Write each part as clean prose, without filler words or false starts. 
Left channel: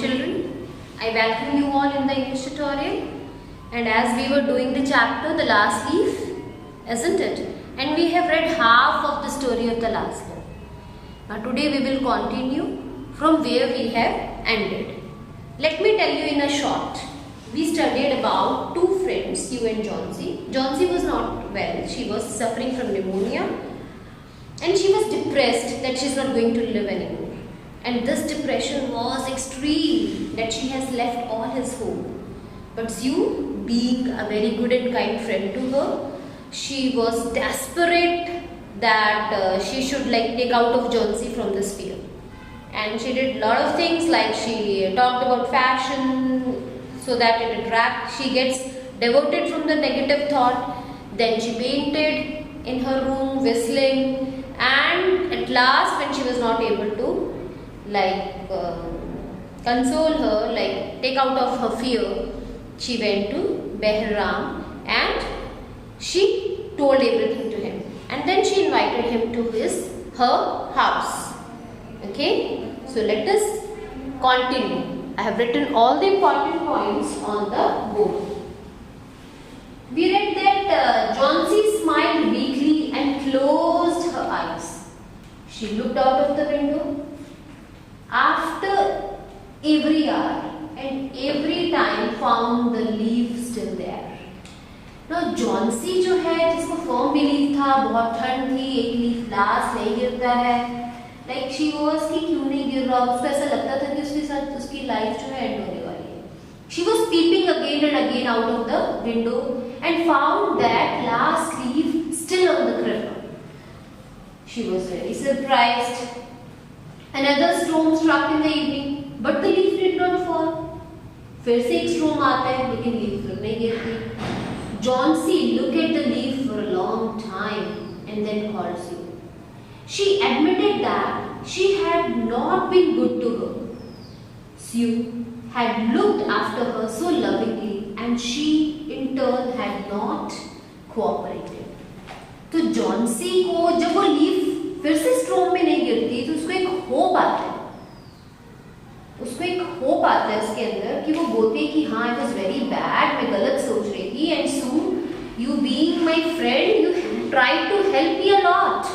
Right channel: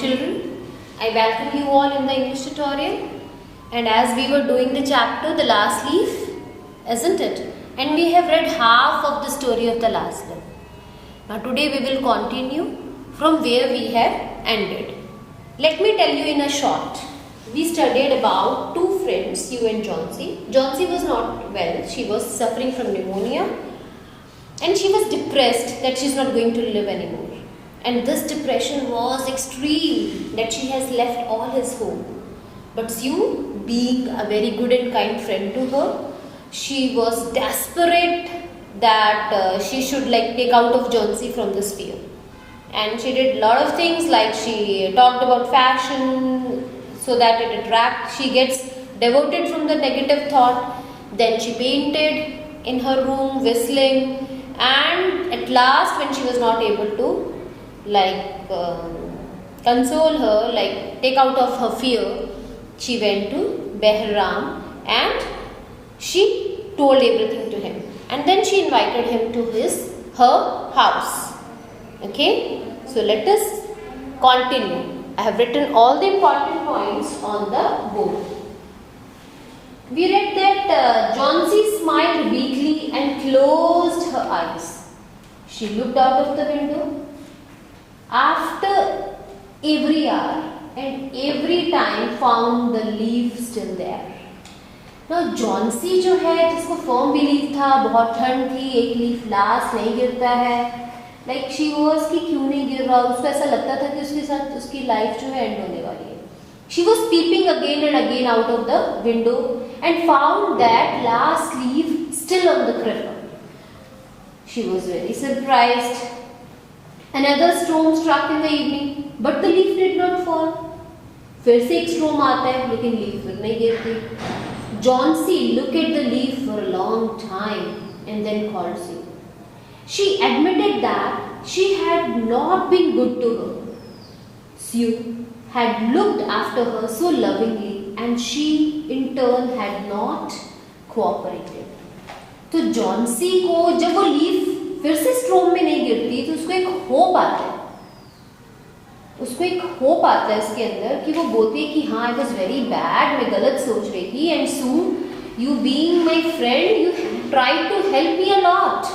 children, I welcome you all in the English tutorial. And as we were doing the chapter, The Last Leaf, isn't it? And we have read half of the story of The Last Leaf. Now today we will continue from where we have ended. Let me tell you in a short. We studied about two friends, Sue and Johnsy. Johnsy was not well. She was suffering from pneumonia. And she was depressed that she is not going to live anymore. And this depression was extreme, that she has left all his home. But Sue, being a very good and kind friend to her, she was desperate that she should take out of Johnsy from this fear. And she did a lot of things, like she talked about fashion so that it attracts, she gets devoted from the negative thought. Then she painted in her room, whistling, and at last when she was not able to console her, take out of her fear, she went to Behram and she told everything to him. And then she invited him to her house. Okay, so let us continue. I have written all the important points on the board. We read that Johnsy smiled weakly and closed her eyes. She looked out of the window. After every hour and every time found the leaf still there. Now Johnsy जो है, जिसको firm belief था, बहुत ठंड थी, एक leaf last नहीं गिरता है, she was कि क्यों नहीं गिर रहा, उसको ऐसा लगता था कि उसके साथ उसकी लाइफ जो है एंड होने वाली है. She was peeping again and again out of the window and found that last leaf still on the creeper. She was very surprised. Another storm struck in the evening, but the leaf did not fall. फिर से एक storm आता है, लेकिन leaf फिर नहीं गिरती. Johnsy looked at the leaf for a long time and then called Sue. She admitted that she had not been good to her. Sue had looked after her so lovingly and she in turn had not cooperated. तो Johnsy को जब वो leaf फिर से स्ट्रोम में नहीं गिरती तो उसको एक होप आता है. उसको एक होप आता है इसके अंदर कि वो बोलती है कि हाँ, आई वॉज वेरी बैड, मैं गलत सोच रही थी, and soon you being my friend you try to help me a lot,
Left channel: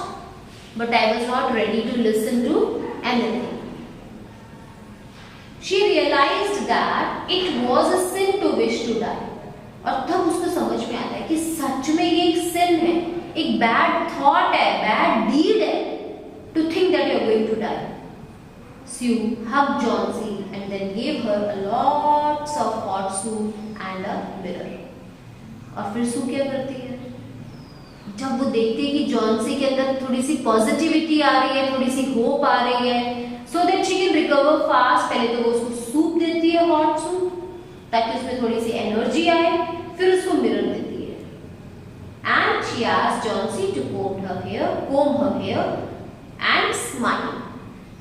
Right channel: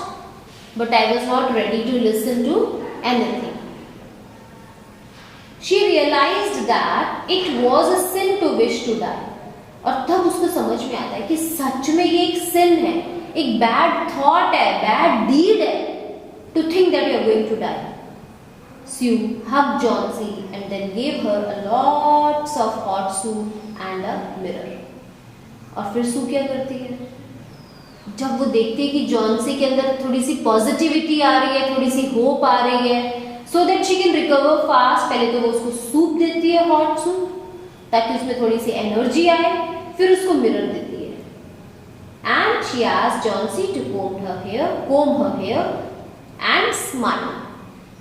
but I was not ready to listen to anything. She realised that it was a sin to wish to die. और तब उसको समझ में आता है कि सच में ये एक सिन है, एक बैड थॉट है, बैड डीड है, to think that you are going to die. Sue hugged Johnsy and then gave her a lots of hot soup and a mirror. और फिर Sue क्या करती है, जब वो देखती है कि Johnsy के अंदर थोड़ी सी पॉजिटिविटी आ रही है, थोड़ी सी होप आ रही है, so that she can recover fast, पहले तो वो उसको सूप देती है, हॉट सूप, ताकि उसमें थोड़ी सी एनर्जी आए, फिर उसको मिरर देती है. And she asked Johnsy to comb her hair and smile.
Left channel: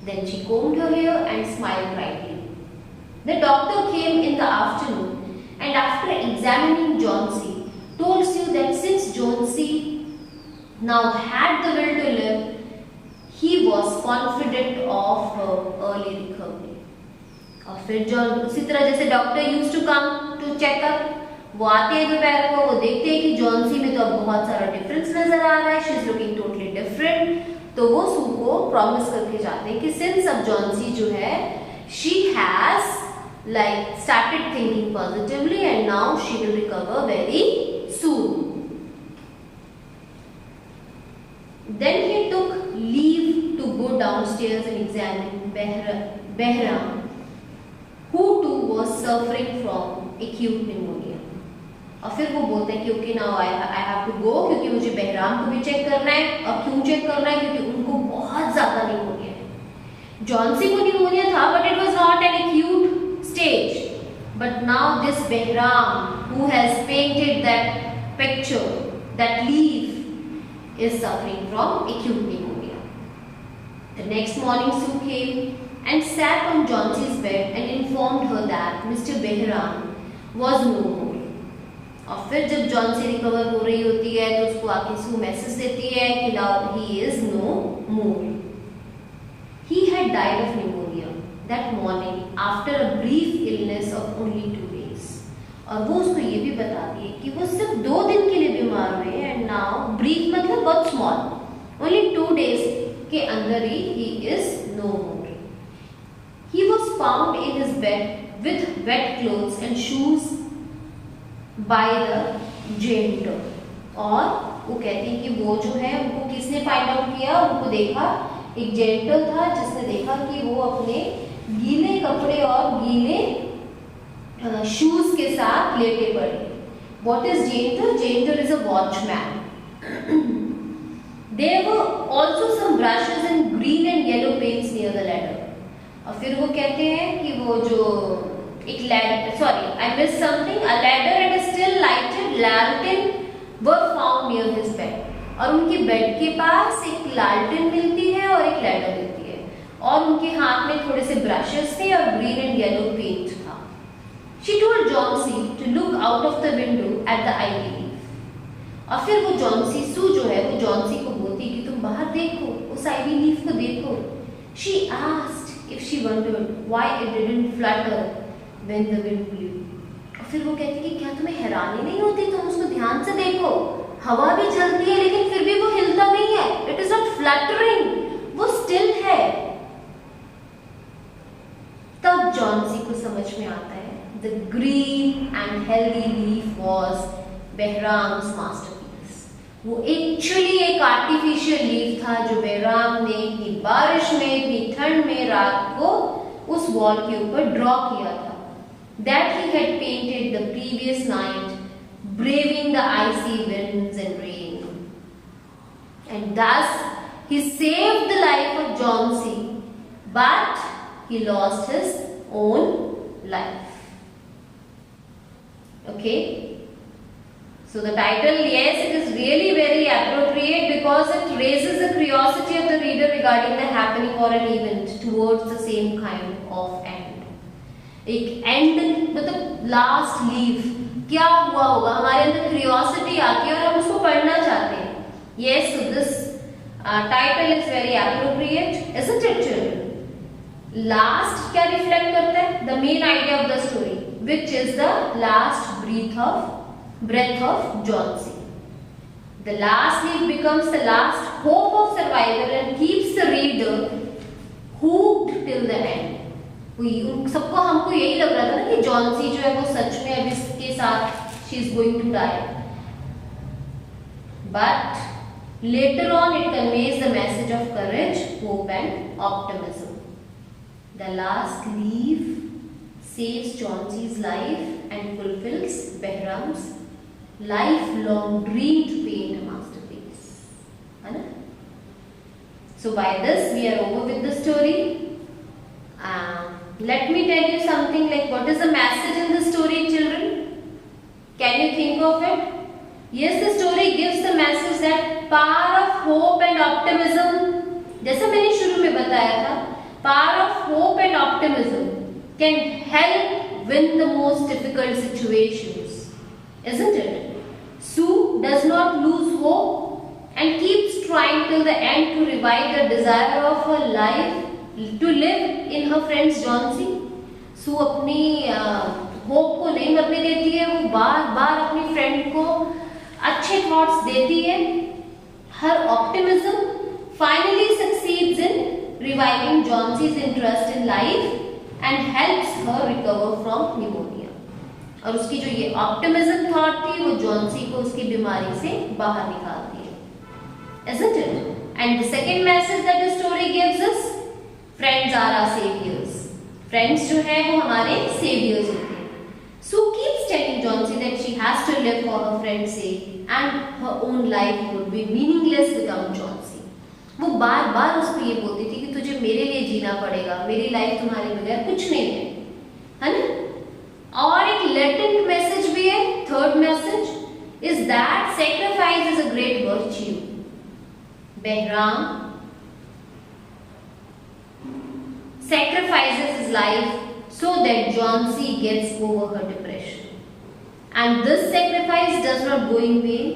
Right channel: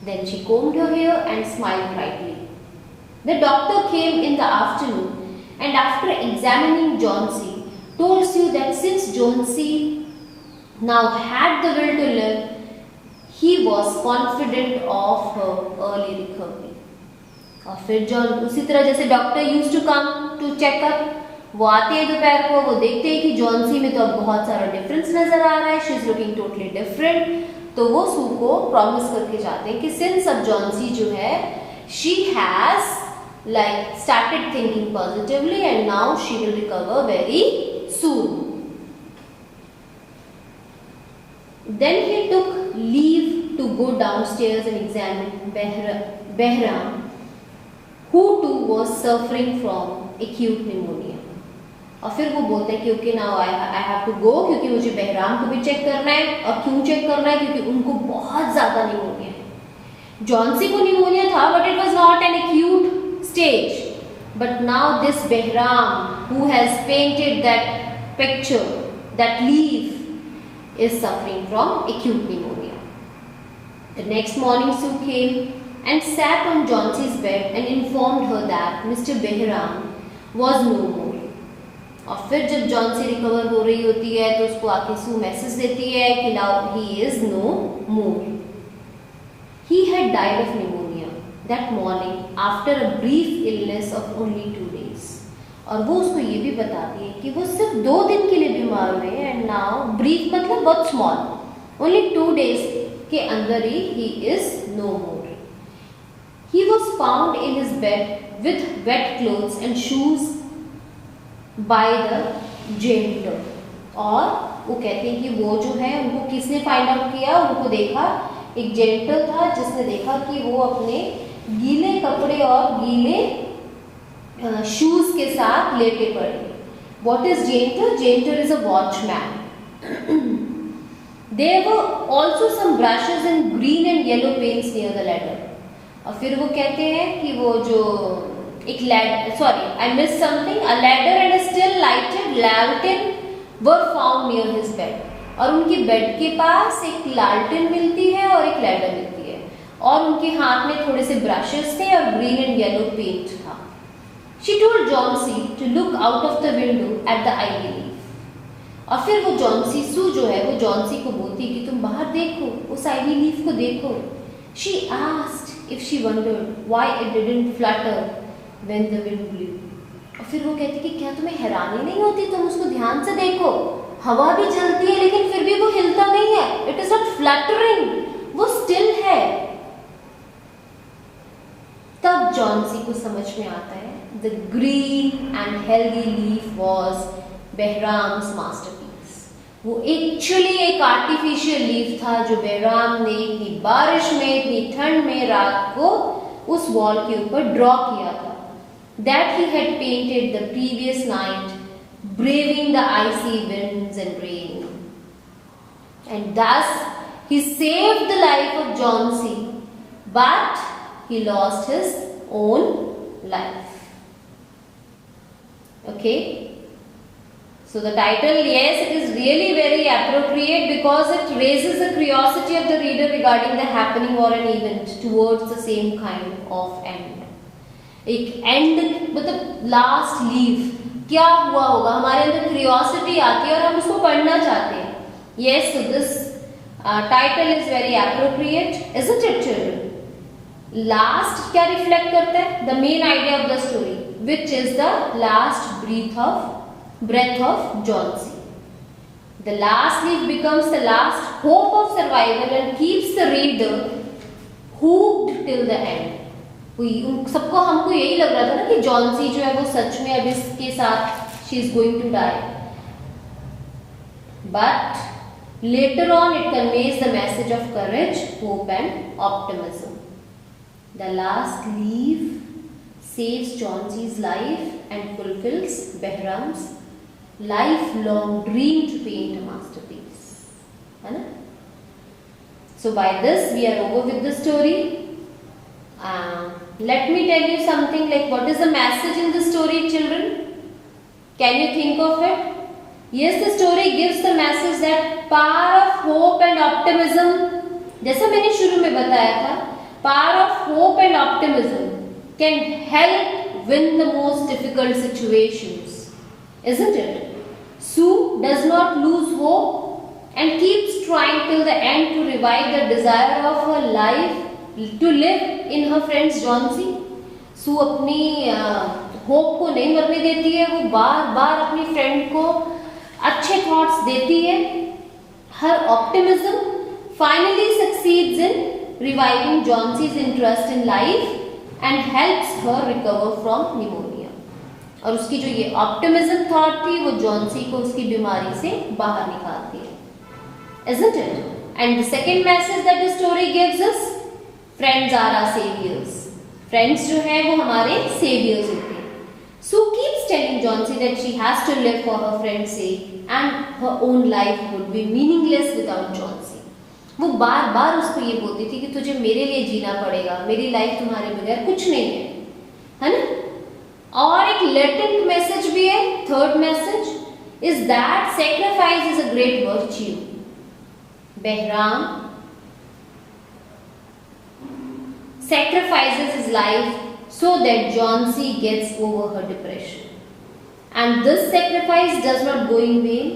Then she combed her hair and smiled brightly. The doctor came in the afternoon and after examining Johnsy, told Sue that since Johnsy now had the will to live, he was confident of her early recovery. और फिर John उसी तरह जैसे doctor used to come to checkup, वो आते हैं दोपहर को, वो देखते हैं कि जॉन्सी में तो अब बहुत सारा डिफरेंस नजर आ रहा है, she is looking totally different. तो वो सू को प्रॉमिस करके जाते हैं कि सिंस अब जॉन्सी जो है, she has started thinking positively and now she will recover very soon. Then he took leave to go downstairs and examine Behram, who too was suffering from acute pneumonia. और फिर वो बोलते हैं कि okay now I have to go, क्योंकि मुझे बहराम को भी चेक करना है. और क्यों चेक करना है, क्योंकि उनको बहुत ज्यादा निमोनिया है. जॉन्सी को निमोनिया था, but it was not an acute stage. But now this Behram who has painted that picture, that leaf, is suffering from acute pneumonia. The next morning Sue came and sat on Johnsy's bed and informed her that Mr. Behram was no more. और फिर जब Johnsy recover हो रही होती है तो उसको आके सू मैसेज देती है कि now he is no more. He had died of pneumonia. that morning after a brief illness of only 2 days. और वो उसको ये भी बताती है कि वो सिर्फ 2 दिन के लिए बीमार हुए हैं, एंड नाउ ब्रीफ मतलब बहुत स्मॉल, ओनली 2 days के अंदर ही is no more. He was found in his bed with wet clothes and shoes by the janitor. और वो कहते हैं कि वो जो है उनको किसने फाइंड आउट किया, उनको देखा, एक जेनिटर था जिसने देखा कि वो अपने गीले कपड़े और गीले शूज के साथ लेटे पड़े. What is janitor? Janitor is a watchman. There were also some brushes and green and yellow paints near the ladder. और फिर वो कहते हैं कि वो जो एक ladder, sorry I miss something, a ladder and a still lighted lantern were found near his bed. और उनके बेड के पास एक लालटेन मिलती है और एक लैडर मिलती है, और उनके हाथ में थोड़े से ब्रशेस थे और ग्रीन एंड येलो पेंट था. She told Johnsy to look out of the window at the ivy leaf. और फिर वो जॉन्सी सू जो है वो जॉन्सी को बोलती कि तुम बाहर देखो, उस आइवी लीफ को देखो. She asked if she wondered why it didn't flutter when the wind blew. और फिर वो कहती कि क्या तुम्हें हैरानी नहीं होती, तुम उसको ध्यान से देखो, हवा भी चलती है लेकिन फिर भी वो हिलता नहीं है. इट इज नॉट फ्लटरिंग, वो स्टिल है. तब जॉन्सी को समझ में आता है the green and healthy leaf was Behram's masterpiece. वो एक्चुअली एक आर्टिफिशियल लीफ था जो बहराम ने इतनी बारिश में, इतनी ठंड में रात को उस वॉल के ऊपर ड्रॉ किया था. That he had painted the previous night, braving the icy winds and rain. And thus he saved the life of Johnsy, but he lost his own life. Okay, so the title, yes, it is really very appropriate because it raises the curiosity of the reader regarding the happening or an event towards the same kind of end. एक end मतलब last leaf, क्या हुआ होगा, हमारे अंदर curiosity आती है और हम उसको पढ़ना चाहते हैं. Yes, so this title is very appropriate, isn't it children? Last क्या reflect करता है? The main idea of the story, which is the last breath of Johnsy. The last leaf becomes the last hope of survival and keeps the reader hooked till the end. सबको हमको यही लग रहा था ना कि जॉन्सी जो है वो सच में अब इसके साथ she is going to die. But later on it conveys the message of courage, hope and optimism. The last leaf saves Johnsy's life and fulfills Behram's lifelong dream to paint a masterpiece. है ना? So by this we are over with the story. Let me tell you something like what is the message in the story, children? Can you think of it? Yes, the story gives the message that power of hope and optimism. जैसा मैंने शुरू में बताया था, power of hope and optimism can help win the most difficult situations, isn't it? Sue does not lose hope and keeps trying till the end to revive the desire of her life to live in her friend's Johnsy. Sue अपनी hope को नहीं मरने देती है, वो बार बार अपनी friend को अच्छे थॉट्स देती है. Her optimism finally succeeds in reviving Johnsy's interest in life and helps her recover from pneumonia. और उसकी जो ये ऑप्टिमिज्म थॉट थी वो जॉन्सी को उसकी बीमारी से बाहर निकालती है. Isn't it? And the second message that the story gives us, friends are our saviors. Friends जो है वो हमारे saviors होते हैं. Sue keeps telling Johnsy that she has to live for her friend's sake and her own life would be meaningless without Johnsy. वो बार बार उसको ये बोलती थी कि तुझे मेरे लिए जीना पड़ेगा, मेरी लाइफ तुम्हारे बगैर कुछ नहीं है ना. और एक लेटेंट मैसेज भी है, third message is that sacrifice is a great virtue. Behram sacrifices his life so that Johnsy gets over her depression. And this sacrifice does not go in vain.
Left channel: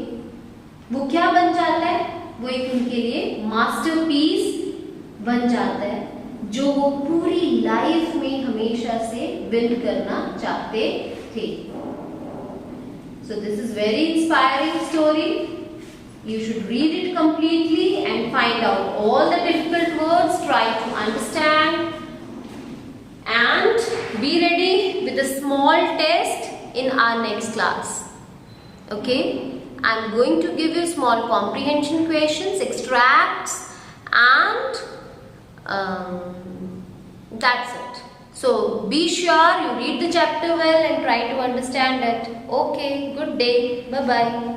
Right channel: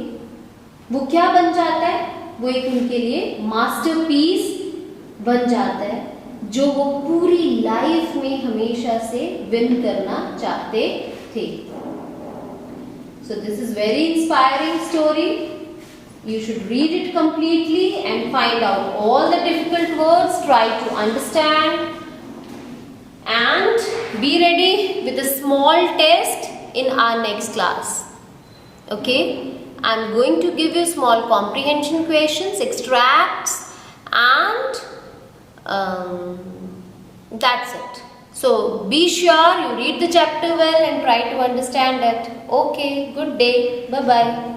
वो क्या बन जाता है? वो एक उनके लिए मास्टरपीस बन जाता है. जो वो पूरी लाइफ में हमेशा से विन करना चाहते थे. So this is very inspiring story. You should read it completely and find out all the difficult words, try to understand, and be ready with a small test in our next class. Okay? I'm going to give you small comprehension questions, extracts, and that's it. So be sure you read the chapter well and try to understand it. Okay, good day. Bye bye.